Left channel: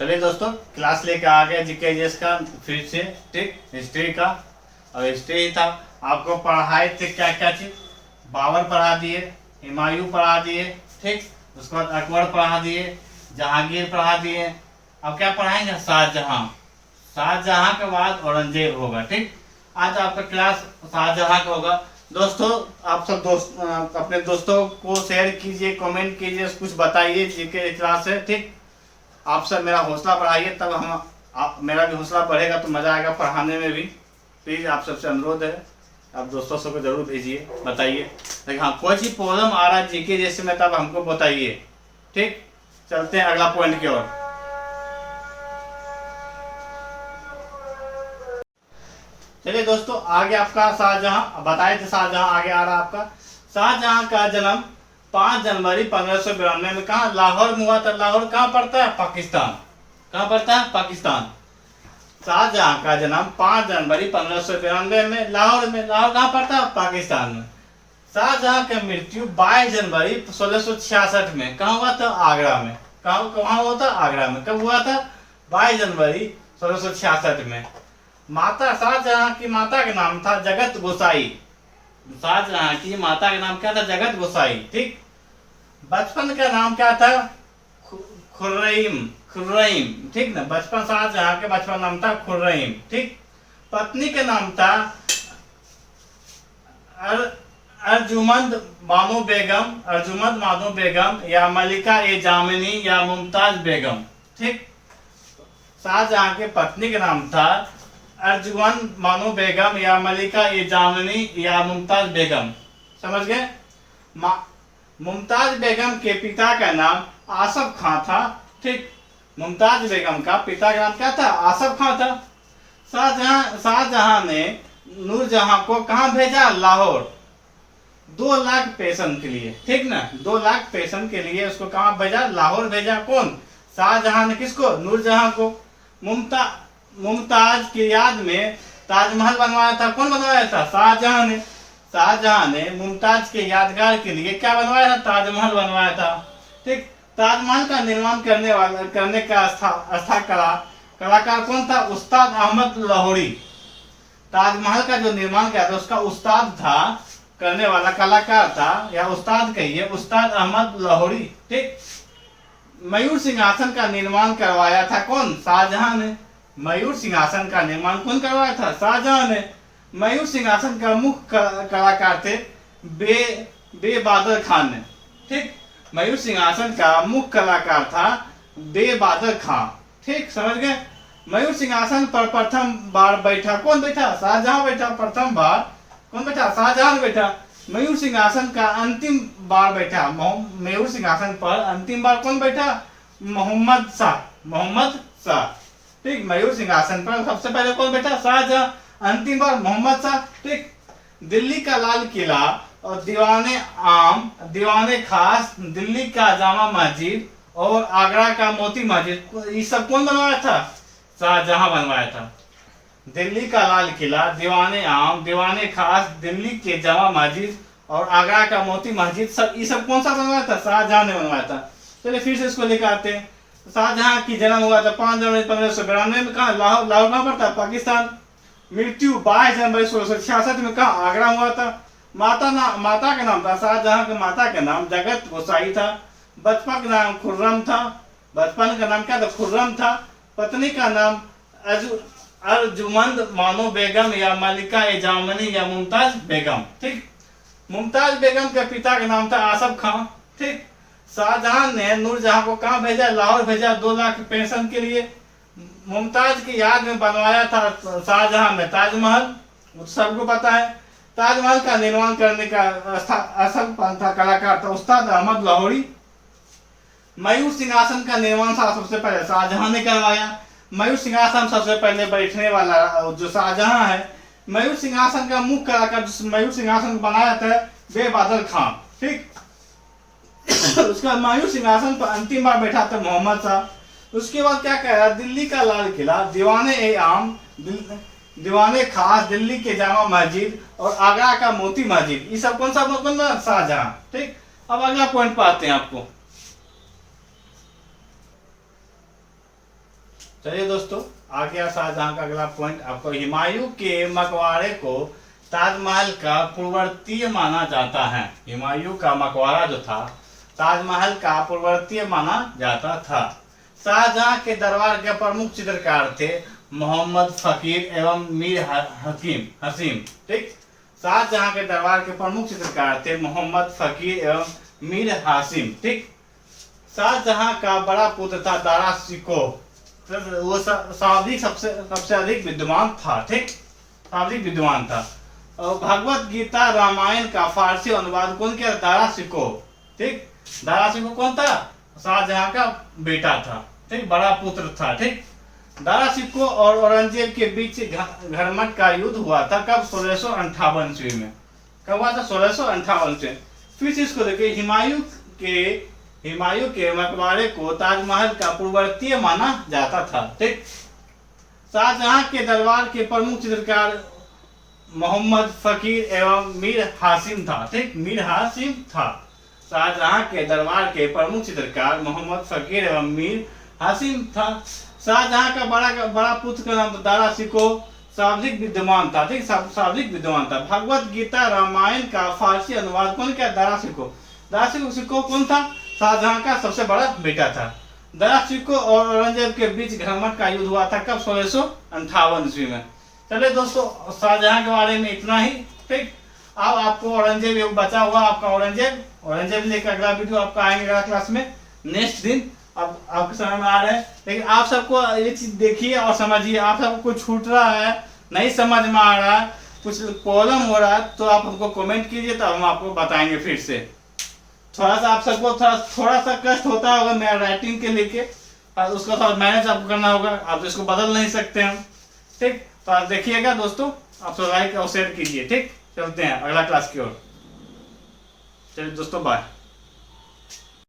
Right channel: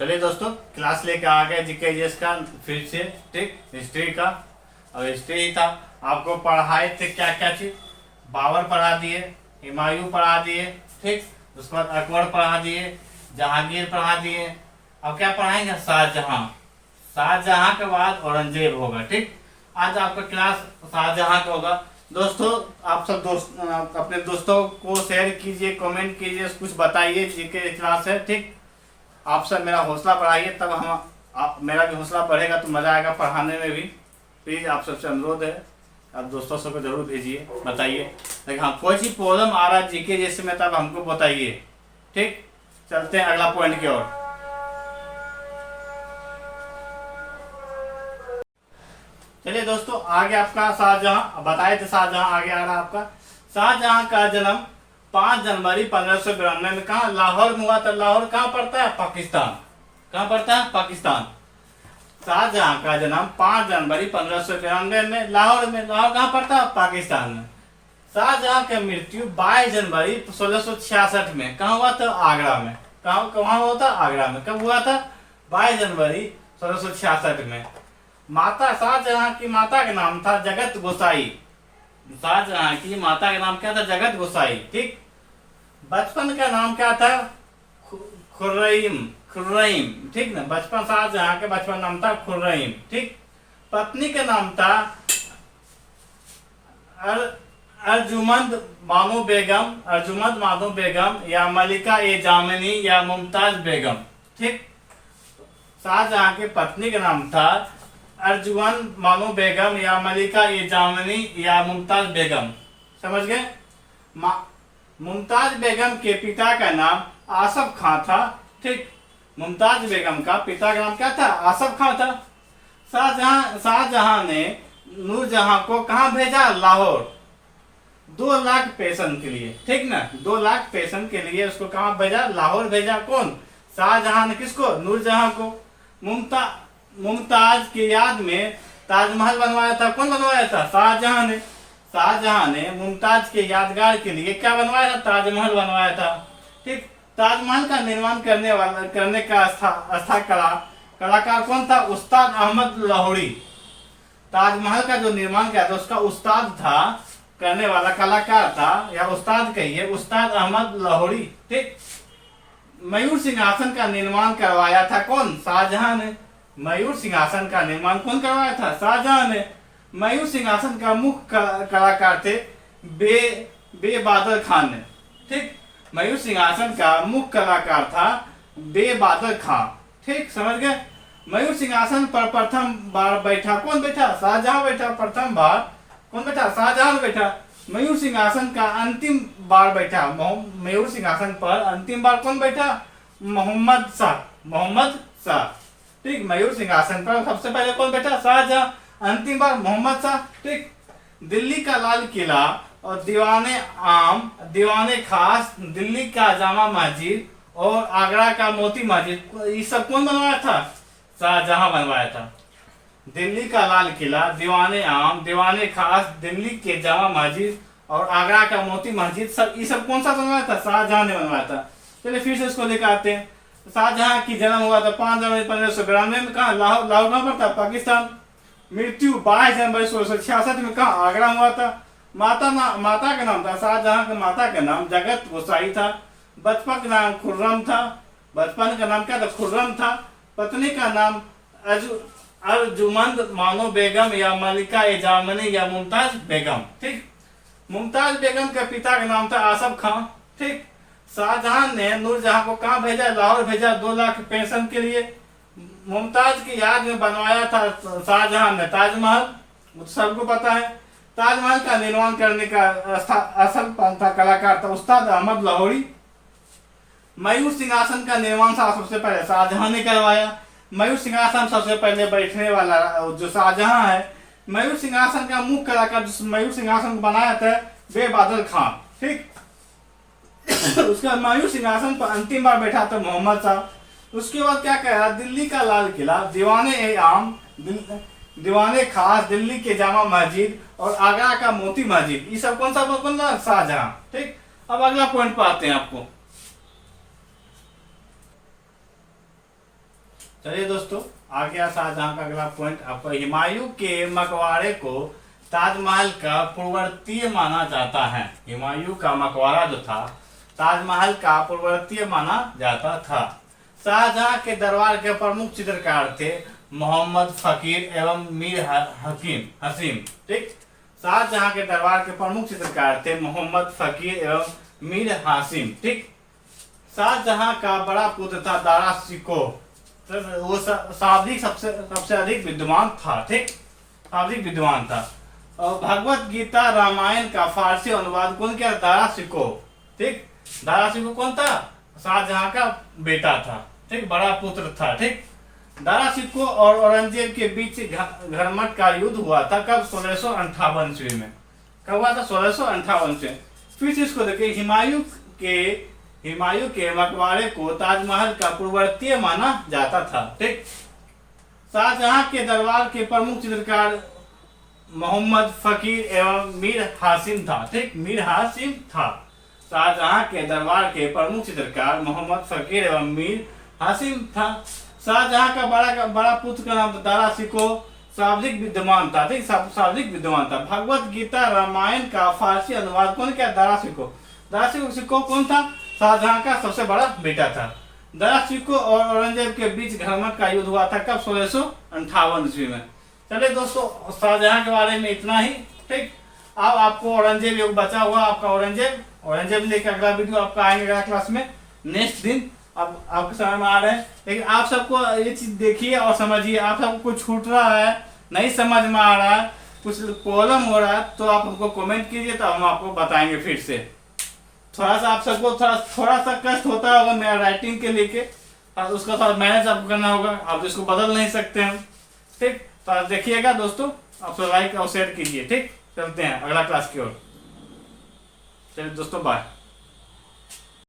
चलिए दोस्तों, क्लास लेके आ गए जीके जीएस का फिर से। ठीक, हिस्ट्री का। और हिस्ट्री ही था, आपको पढ़ाए थे क्या क्या चीज। बाबर पढ़ा दिए, हुमायूं पढ़ा दिए, ठीक। उसके बाद अकबर पढ़ा दिए, जहांगीर पढ़ा दिए। अब क्या पढ़ाएंगे? शाहजहां। शाहजहां के बाद औरंगजेब होगा। ठीक, आज आपका क्लास शाहजहां का होगा। दोस्तों, आप सब अपने दोस्तों को शेयर कीजिए, कमेंट कीजिए, कुछ बताइए जीके क्लास है। ठीक, आप सब मेरा हौसला बढ़ाइए, तब मेरा भी हौसला बढ़ेगा तो मजा आएगा पढ़ाने में भी। प्लीज आप सबसे अनुरोध है, आप दोस्तों सबको जरूर भेजिए, बताइए। लेकिन हाँ, कोई सी प्रॉब्लम आ रहा है जीके जैसे में तब हमको बताइए। ठीक, चलते हैं अगला पॉइंट की ओर। चलिए दोस्तों, आगे आपका शाहजहां बताए थे। शाहजहां आगे आ रहा आपका। शाहजहां का जन्म 5 जनवरी 1592 में कहा? लाहौर में हुआ था। लाहौर कहाँ पड़ता है? पाकिस्तान। कहाँ पड़ता है? पाकिस्तान। शाहजहां का जन्म 5 जनवरी 1592 में लाहौर में। लाहौर कहाँ पड़ता है? पाकिस्तान में। शाहजहां की मृत्यु 22 जनवरी 1666 में कहाँ हुआ था? आगरा में। कहाँ हुआ था? आगरा में। कब हुआ था? 22 जनवरी 1666 में। माता शाहजहां की माता का नाम था जगत गोसाई। शाहजहां की माता का नाम क्या था? जगत गोसाई। ठीक, बचपन का नाम क्या था? खुर्रम। खुर्रम, ठीक ना। बचपन शाहजहां का बचपन नाम था खुर्रम। ठीक, पत्नी का नाम था अर्जुमंद बानो बेगम। अर्जुमंद बानो बेगम या मलिका ए जामिनी या मुमताज बेगम। ठीक, शाहजहां के पत्नी का नाम था अर्जुमंद बानो बेगम या मलिका ए जामिनी या मुमताज बेगम। समझ गए? मुमताज बेगम के पिता का नाम आसफ खां था। ठीक, मुमताज बेगम का पिता का नाम क्या था? आसफ खां था। शाहजहां ने नूरजहां को कहां भेजा? लाहौर। 2 लाख पेंशन के लिए। ठीक ना, 2 लाख पेंशन के लिए उसको कहां भेजा? लाहौर भेजा। कौन? शाहजहां ने किसको? नूरजहां को। मुमताज की याद में ताजमहल बनवाया था। कौन बनवाया था? शाहजहां ने। शाहजहां ने मुमताज के यादगार के लिए क्या बनवाया था? ताजमहल बनवाया था। ठीक, ताजमहल का निर्माण करने का कलाकार कौन था? उस्ताद अहमद लाहौरी। ताजमहल का जो निर्माण किया था उसका उस्ताद था, करने वाला कलाकार था, या उस्ताद कहिए, उस्ताद अहमद लाहौरी। ठीक, मयूर सिंहासन का निर्माण करवाया था कौन? शाहजहां ने। मयूर सिंहासन का निर्माण कौन करवाया था? शाहजहां ने। मयूर सिंहासन का मुख्य कलाकार थे बेबादर खान ने। ठीक, मयूर सिंहासन का मुख्य कलाकार था बेबादर खान। ठीक, समझ गए? मयूर सिंहासन पर प्रथम बार बैठा कौन? बैठा शाहजहां बैठा। प्रथम बार कौन बैठा? शाहजहां बैठा। मयूर सिंहासन का अंतिम बार बैठा, मयूर सिंहासन पर अंतिम बार कौन बैठा? मोहम्मद शाह। मोहम्मद शाह। ठीक, मयूर सिंहासन पर सबसे पहले कौन बैठा? शाहजहां। अंतिम बार मोहम्मद शाह। ठीक, दिल्ली का लाल किला और दीवाने खास, दिल्ली का जामा मस्जिद और आगरा का मोती मस्जिद, ये सब कौन बनवाया था? शाहजहां बनवाया था। दिल्ली का लाल किला, दीवाने खास, दिल्ली के जामा मस्जिद और आगरा का मोती मस्जिद, सब ये सब कौन सा बनवाया था? शाहजहां ने बनवाया था। चलिए फिर से इसको लेकर आते हैं। शाहजहां की जन्म हुआ था 5 जनवरी 1592 में। कहा? लाहौर। लाहौर कहाँ पर था? पाकिस्तान। मृत्यु 22 जनवरी 1666 में। कहा? आगरा हुआ था। माता का नाम था, शाहजहां के माता का नाम जगत गोसाई था। बचपन का नाम खुर्रम था। बचपन का नाम क्या था? खुर्रम था। पत्नी का नाम अर्जुमंद बानो बेगम या मलिका ए जामिनी या मुमताज बेगम। ठीक, मुमताज बेगम के पिता का नाम था आसफ खां। ठीक, शाहजहां ने नूरजहां को कहां भेजा? लाहौर भेजा, 2 लाख पेंशन के लिए। मुमताज की याद में बनवाया था शाहजहां ने ताजमहल, सबको पता है। ताजमहल का निर्माण करने का असल कलाकार था उस्ताद अहमद लाहौरी। मयूर सिंहासन का निर्माण सबसे पहले शाहजहां ने करवाया। मयूर सिंहासन सबसे पहले बैठने वाला जो शाहजहां है। मयूर सिंहासन का मुख्य कलाकार जिस मयूर सिंहासन बनाया था बेबादर खान। ठीक, उसका मयूर सिंहासन पर अंतिम बार बैठा था मोहम्मद शाह। उसके बाद क्या कह रहा? दिल्ली का लाल किला, दीवाने खास, दिल्ली के जामा मस्जिद और आगरा का मोती मस्जिद, ये सब कौन सा बनना? शाहजहां। ठीक, अब अगला पॉइंट पर आते हैं आपको। चलिए दोस्तों, आ गया शाहजहां का अगला पॉइंट। आपको हुमायूं के मकबरे को ताजमहल का पूर्ववर्ती माना जाता है। हुमायूं का मकबरा जो था ताजमहल का पूर्ववर्ती माना जाता था। शाहजहां के दरबार के प्रमुख चित्रकार थे मोहम्मद फकीर एवं मीर हसीम। ठीक, शाहजहां के दरबार के प्रमुख चित्रकार थे मोहम्मद फकीर एवं मीर हासिम। ठीक, शाहजहां का बड़ा पुत्र था दारा शिकोह, वो शाब्दिक सबसे अधिक विद्वान था। ठीक, शाब्दिक विद्वान था। और भगवत गीता रामायण का फारसी अनुवाद कौन किया? दारा शिकोह। ठीक, दारा शिकोह कौन था? शाहजहां का बेटा था। ठीक, बड़ा पुत्र था। ठीक, दारा शिकोह और औरंगजेब के बीच घरमट का युद्ध हुआ था। कब? 1658 ईस्वी में। कब हुआ था? 1658 में। फिर से इसको देखिए, हुमायूं के मकबरे को ताजमहल का पूर्ववर्ती माना जाता था। ठीक, शाहजहां के दरबार के प्रमुख चित्रकार मोहम्मद फकीर एवं मीर हासिम था। ठीक, मीर हासिम था। शाहजहां के दरबार के प्रमुख चित्रकार मोहम्मद फकीर एवं मीर हासिम था। शाहजहां का बड़ा पुत्र का नाम दारा शिकोह शाब्दिक विद्वान था। ठीक, शाब्दिक विद्वान था। भगवत गीता रामायण का फारसी अनुवाद कौन किया? दारा शिकोह। दारा शिकोह कौन था? शाहजहां का सबसे बड़ा बेटा था। दारा शिकोह और औरंगजेब के बीच घरमट का युद्ध हुआ था। कब? 1658 ईस्वी में। चलिए दोस्तों, शाहजहां के बारे में इतना ही। ठीक, अब आपको औरंगजेब योग बचा हुआ आपका औरंगजेब लेकर अगला वीडियो आपका आएंगे अगला क्लास में नेक्स्ट दिन। अब आपके समझ में आ रहा है, लेकिन आप सबको ये चीज देखिए और समझिए। आप सबको कुछ छूट रहा है, नहीं समझ में आ रहा है, कुछ प्रॉब्लम हो रहा है, तो आप हमको कमेंट कीजिए, तो हम आपको बताएंगे फिर से। थोड़ा सा आप सबको थोड़ा सा कष्ट होता होगा मेरा राइटिंग के लेके, उसका थोड़ा मैनेज आपको करना होगा। आप इसको बदल नहीं सकते हम। ठीक, तो आप देखिएगा दोस्तों, आप तो लाइक और शेयर कीजिए। ठीक, चलते हैं अगला क्लास की ओर। चलिए दोस्तों, बाय।